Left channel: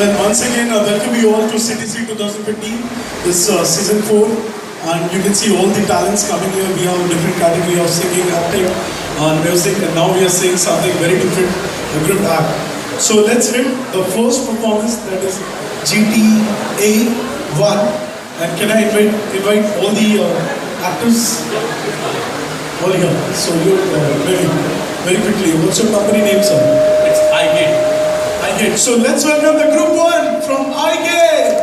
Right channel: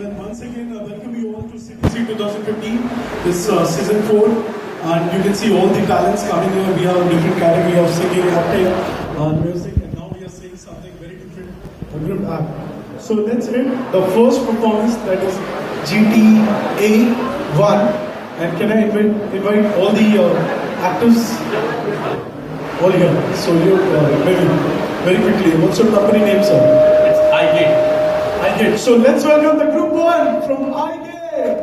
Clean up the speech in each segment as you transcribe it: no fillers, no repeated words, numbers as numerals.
Well, once again, welcome you all to CTC 2015. This season 4, and you can see all the talents coming here. We have a different category of singing, acting, music, and now we are seeing something very different, a group act. So let's hit the first performance, that is GTA 1. And can I invite all the actors? All here. So you very quickly. What's your company name, sir? It's iGate. iGate. So let's welcome the group 1 from iGate.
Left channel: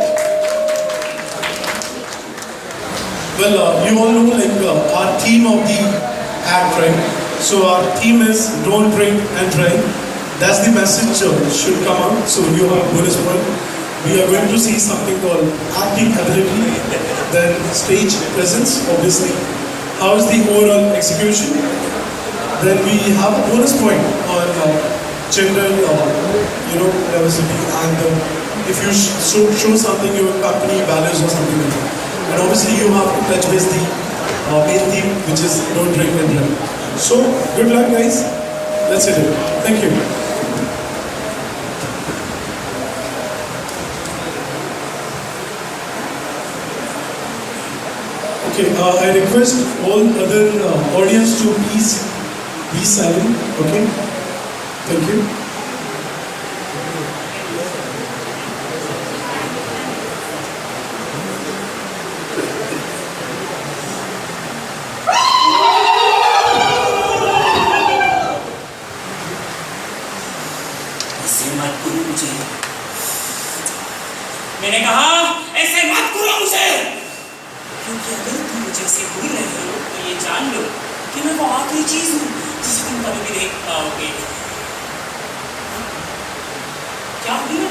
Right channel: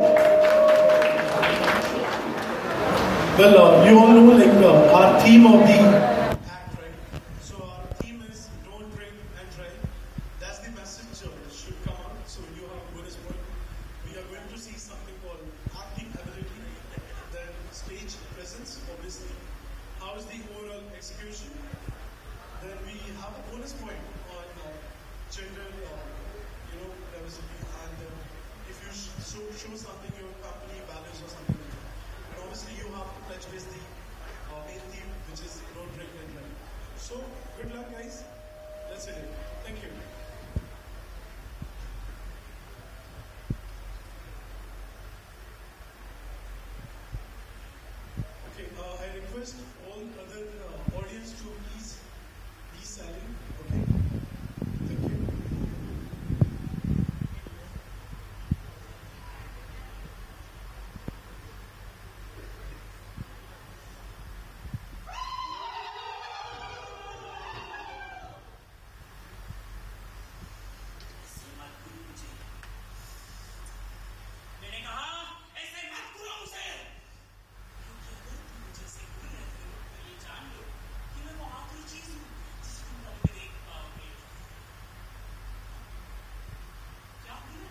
Well, you all know our theme of the act, right? So our theme is don't drink and drive. That's the message should come out. So you have bonus point. We are going to see something called acting ability, then stage presence, obviously. How is the overall execution? Then we have a bonus point on general, diversity, and if you show something, your company values or something like that. And obviously you have to touch base the main theme, which is don't drink and drive. So good luck, guys. Let's hit it. Thank you. Okay, I request all other audience to please be silent. Okay, thank you. ऐसे मत करो मुझे। मैंने कहा ऐसे मत करो मुझे, क्योंकि अगर तुम मुझे ऐसे भूल रहे हो तो ये जान लो कि मैं वो आखिरी चीज हूँ जिसे तुम कभी भी देख पाओगे। क्या हूँ मैं?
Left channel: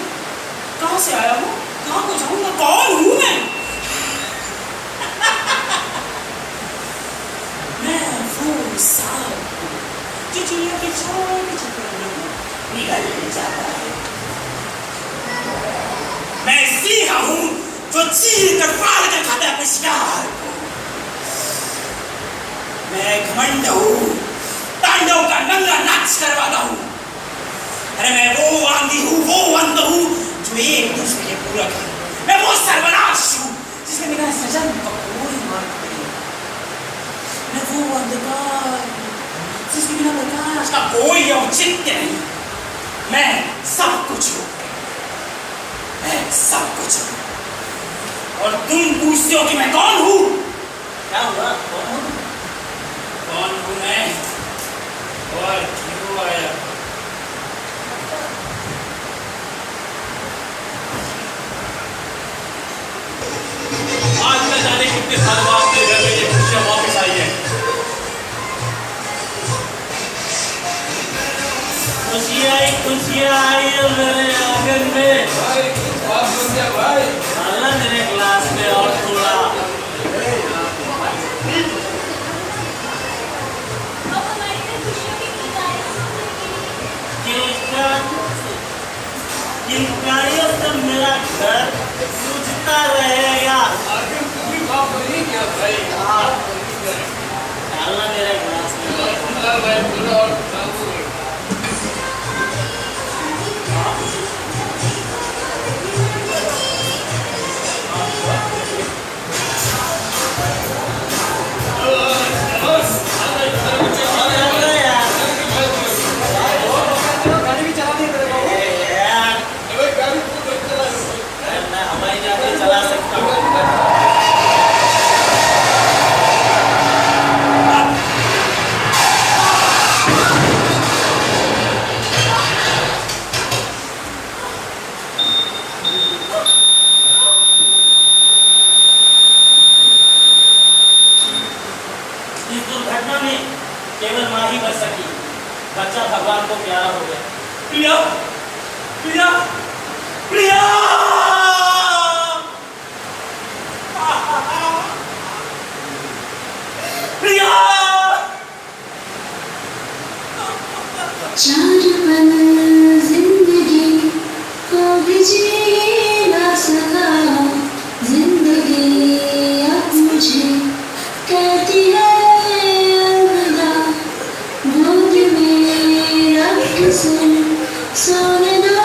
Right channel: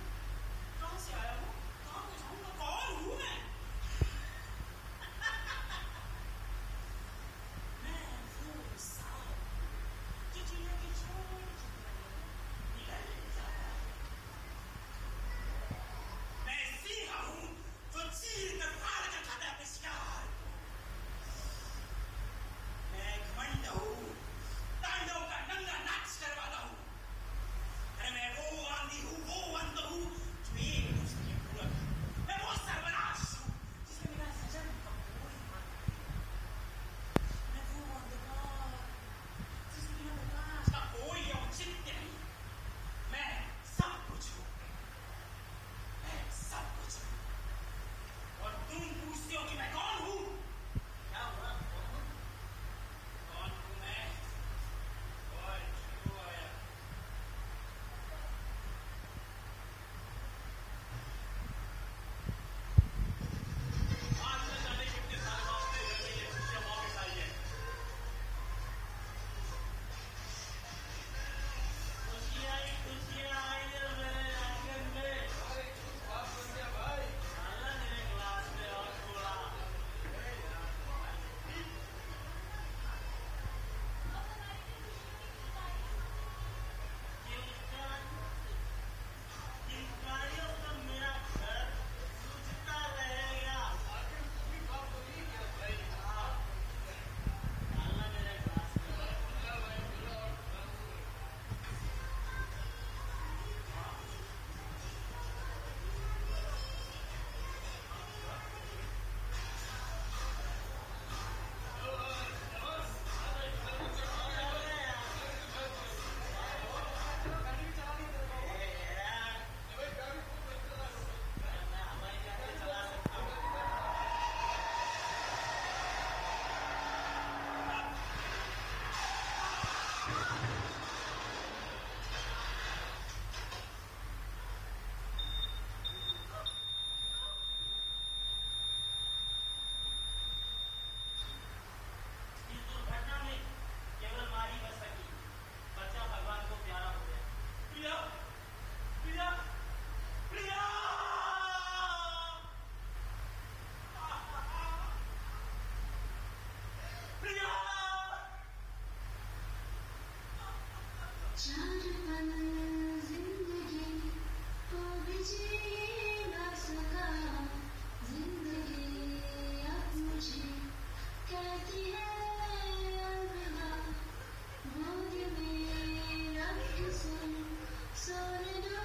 कहाँ से आया हूँ? कहाँ को जाऊँगा? कौन हूँ मैं? मैं वो सांप जो चिड़िया के छोटे छोटे अंडों निगल जाता है। मैं सिंह हूँ जो चीर कर फाड़ कर खाता है अपने शिकार को। मैं घमंड हूँ, तांडव का नंगा नाच करवाता हूँ। अरे मैं वो आंधी हूँ, वो अंध हूँ जो एक दूसरे के पूरक है। मैं वो सर्वनाश हूँ जिसमें बिना सजन का कोई मार्ग नहीं। मैं वो अंधकार जिसके बिना प्रकाश का कोई औचित्य नहीं। मैं सब कुछ हूँ, मैं सब कुछ हूँ। और तुम पूछते हो कि मैं कौन हूँ? क्या हुआ? कौन हूँ? कौन हूँ मैं? और क्यों आया? आज न जाने कितने साल बाद मेरे घर में ये खुशियाँ वापस आई है। खुशियाँ आई है मेरे आंगन में। भाई डालना मेरे ग्लास में और थोड़ा। किलकारियों से मेरा घर सूझता रहेगा। डालना मेरे ग्लास में। केवल माँ ही बच सकी। बच्चा भगवान को प्यारा हो गया। प्रिया, प्रिया, प्रिया। प्रिया। चार पल जिंदगी को भी जी ना सका। जिंदगी अब मुझे कहती है अलविदा। गोद में रख सोने दो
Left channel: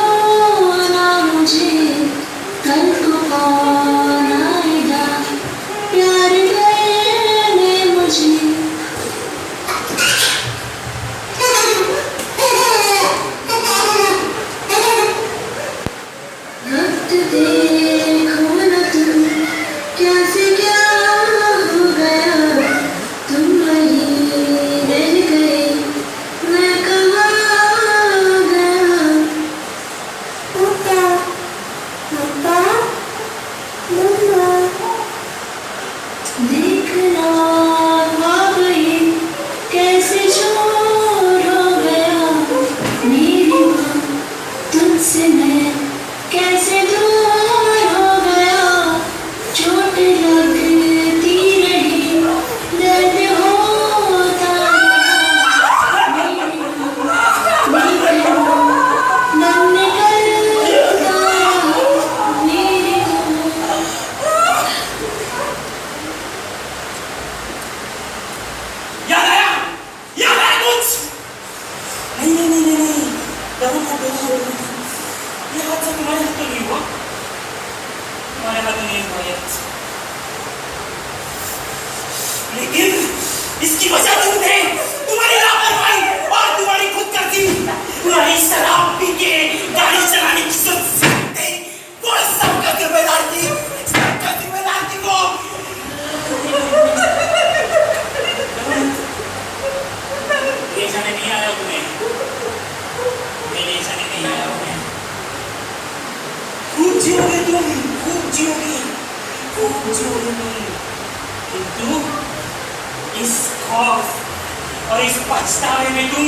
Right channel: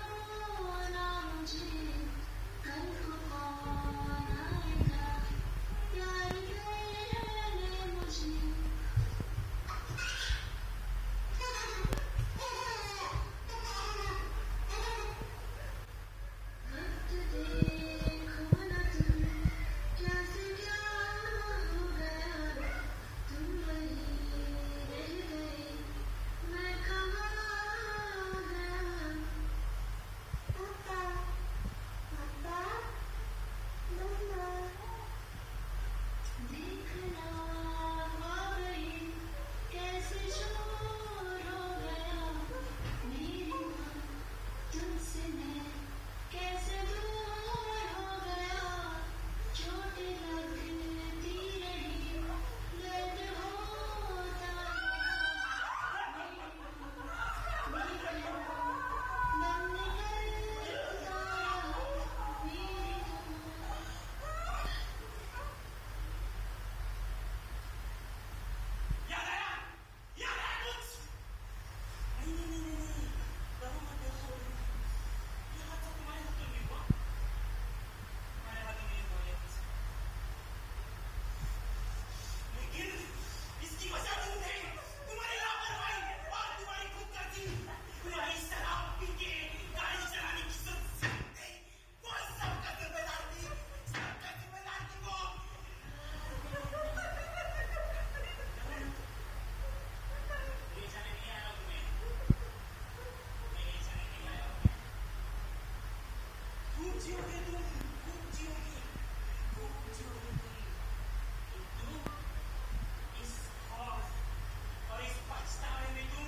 perfect. लेकिन इसकी वजह तुम थे, तुम्हारी लापरवाही और तुम्हारी खुदगर्जी। तुम्हारी शराब पी के गाड़ी चलाने की सोच थी, वो सबका जिम्मेदार थी, सबका जिम्मेदार थी वो। ये जाने नहीं आया तुम्हें, मेरे जाने नहीं आया तुम्हें। खूब जियोगे तुम, खूब जियोगे, खूब जियोगे तुम, किंतु इस खौफ और इस पछतावे में तुम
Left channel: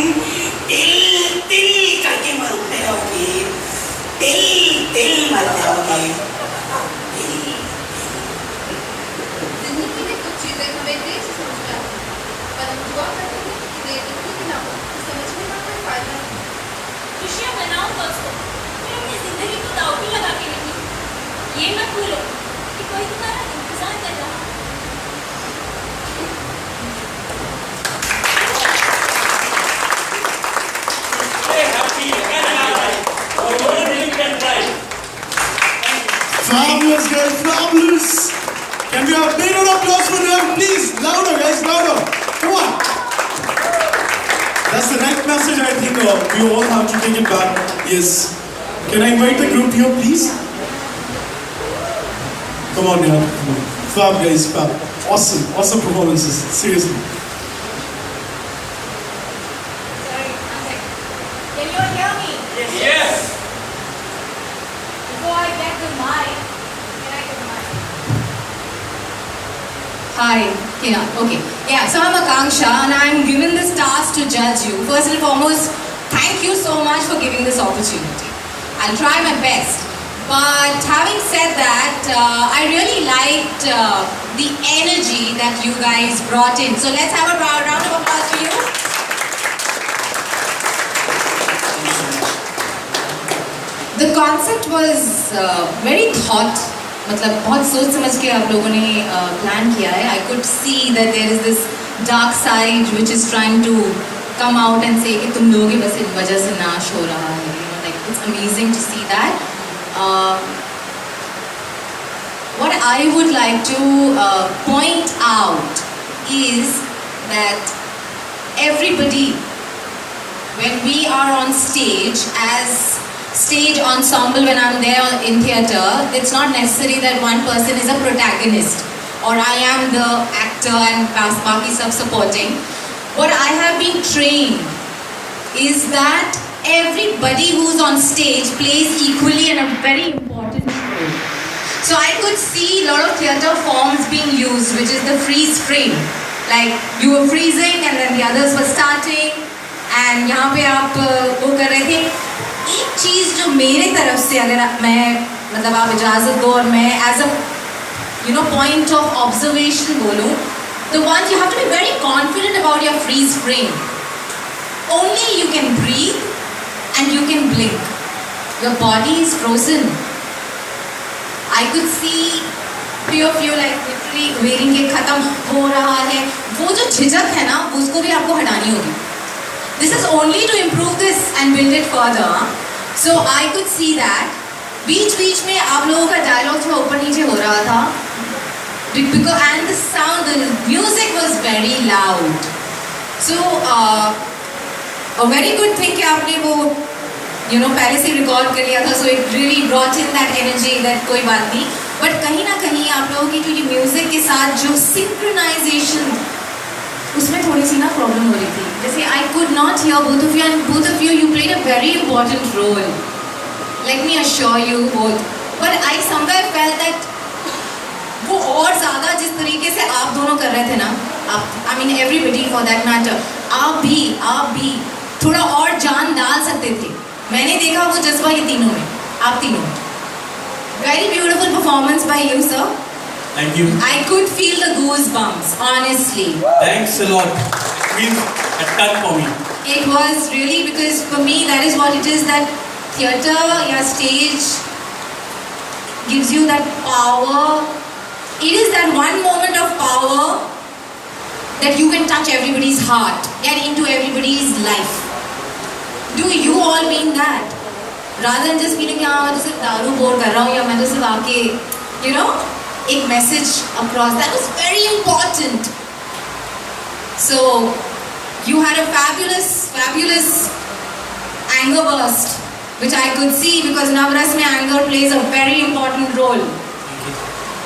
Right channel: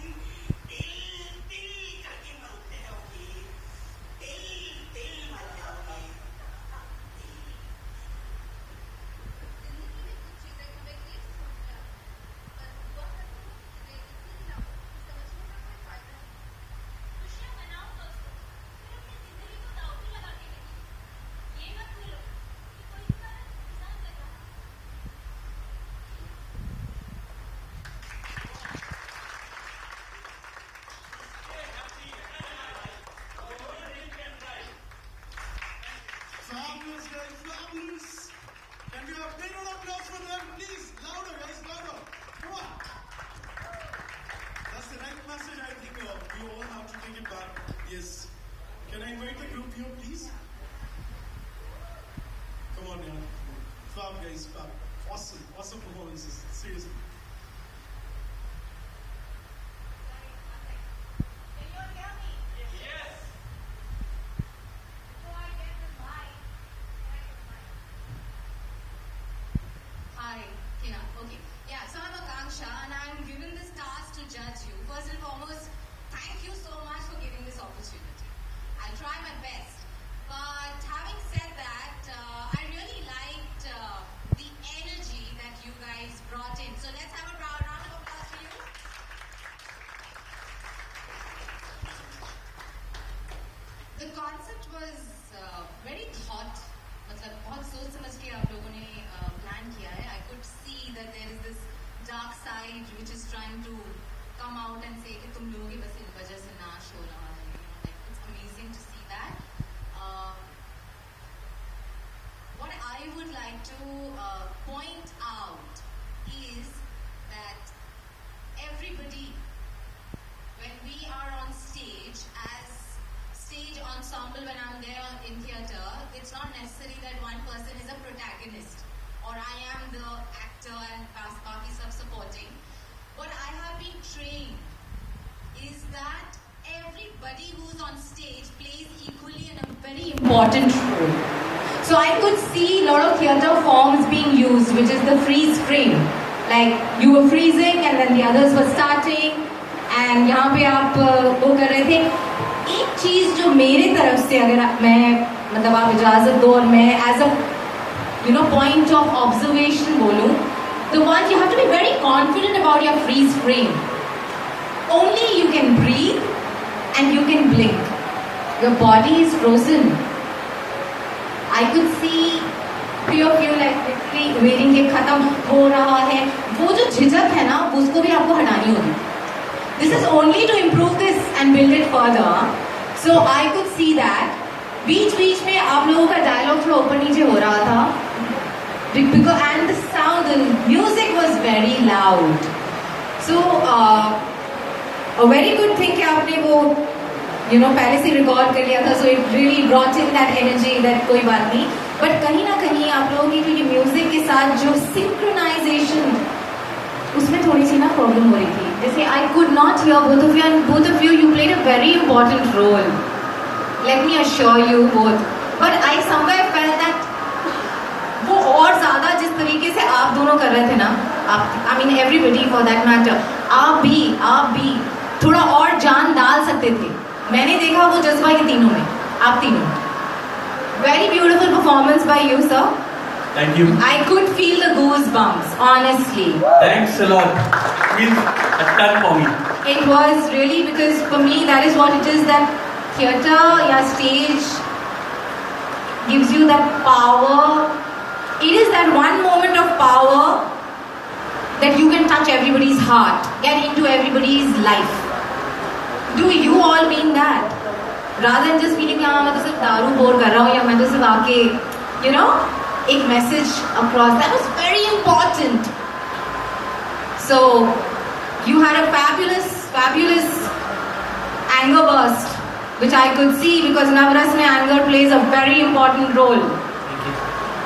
तिल तिल करके मरते रहोगे, तिल तिल मरते रहोगे। जिंदगी में कुछ चीजें हमें देर से समझ में आती हैं, पर हम दुआ करते हैं कि देर इतनी भी ना हो कि समझने का कोई फायदा नहीं। खुशियाँ मनाओ दोस्तों, मैं अपनी जिंदगी को दांव पे लगा के नहीं। ये मत भूलो कि कोई तुम्हारा इंतजार कर रहा है। Fabulous, guys, fabulous. Can we have a big round of applause for them, please? Louder, guys, louder. Come on. That's the right message, I think. We all have to take it back. Yes. Can I invite the group here, please? Come on, yeah. Come on. Fab, guys, fab. Awesome, awesome performances. Seriously. Sorry, one second. Can you all hear me? Yes. Before I get the mic, can I get the mic? Hi, yeah, okay. Yeah, so I'm Akanksha and I'm given this task to judge you. First and foremost, thank you so much for giving this opportunity. I'll try my best. But having said that, I really liked the energy that you guys brought in. So let's have a round of applause for you. The concept was very thought, मतलब बहुत सोच समझ के आप लोगों ने plan किया है. I could see that there is this dark side which is trying to come out and say कि तुम लोगों की बस इस वजह से नाश हो रहा है. You know, like it's amazing to see that. What I would like to point out is that everybody, when we are on stage as stage ensemble, when I'm there in theatre, it's not necessary that one person is a protagonist or I am the actor and Baki sub supporting. What I have been trained is that everybody who's on stage plays equally and a very important role. So I could see a lot of theatre forms being used, which is the freeze frame. Like you were freezing and then the others were starting and यहाँ पे आप वो कर रहे थे. एक चीज़ जो मेरे तरफ से अगर मैं मतलब आप इजाज़त दो और मैं as a point of observation बोलूँ, the one you have to be very confident about your freeze frame. Only you can breathe and you can blink. Your body is frozen. I could see few of you like literally waiting के खत्म हो रहा है. वो जो झिझक है ना, उसको भी आपको हटानी होगी. This is only to improve this and build it further. So I could see that. बीच में आप लोगों का dialogue थोड़ा ऊपर नीचे हो रहा था. Because and the sound, the music was very loud. So a very good thing कि आपने वो पहले से रिकॉर्ड कर लिया था. So it really brought in that energy that कोई बात नहीं. But कहीं ना कहीं आप लोगों की जो ये म्यूजिक के साथ जो synchronization, उसमें थोड़ी सी ना प्रॉब्लम हो रही थी. जैसे I could not hear both of you and both of you played a very important role. Let me assure you both. But I somewhere felt that वो और ज़्यादा जिस तरीके से आप दोनों कर रहे थे ना, I mean everybody for that matter, आप भी थोड़ा और जान डाल सकते थे. मैंने देखा वो जज्बा ये तीनों में, आप तीनों. Very beautiful performance by you, sir. Thank you. I could feel the goosebumps, honestly. Thanks a lot. Means a ton for me. It was really, because for me that is what it is, that theatre या stage gives you that power. It is that one moment of power that you can touch everybody's heart, get into everybody's life. Do you all mean that? Rather than just feeling, मैं तो सिर्फ दारू bore कर रहा हूँ या मैं तो सिर्फ आके, एक message across. That was very important. So you had a fabulous anger burst, which I could see because Navras mein anger plays a very important role.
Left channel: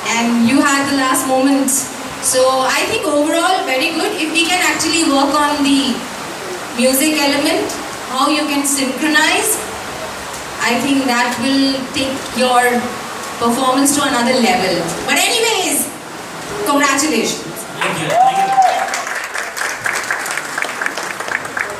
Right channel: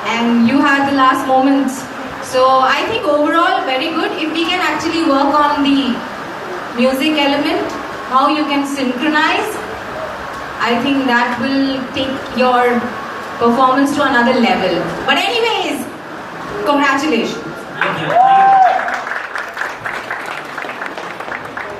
And you had the last moments. So I think overall very good. If we can actually work on the music element, how you can synchronize, I think that will take your performance to another level. But anyways, congratulations. Thank you.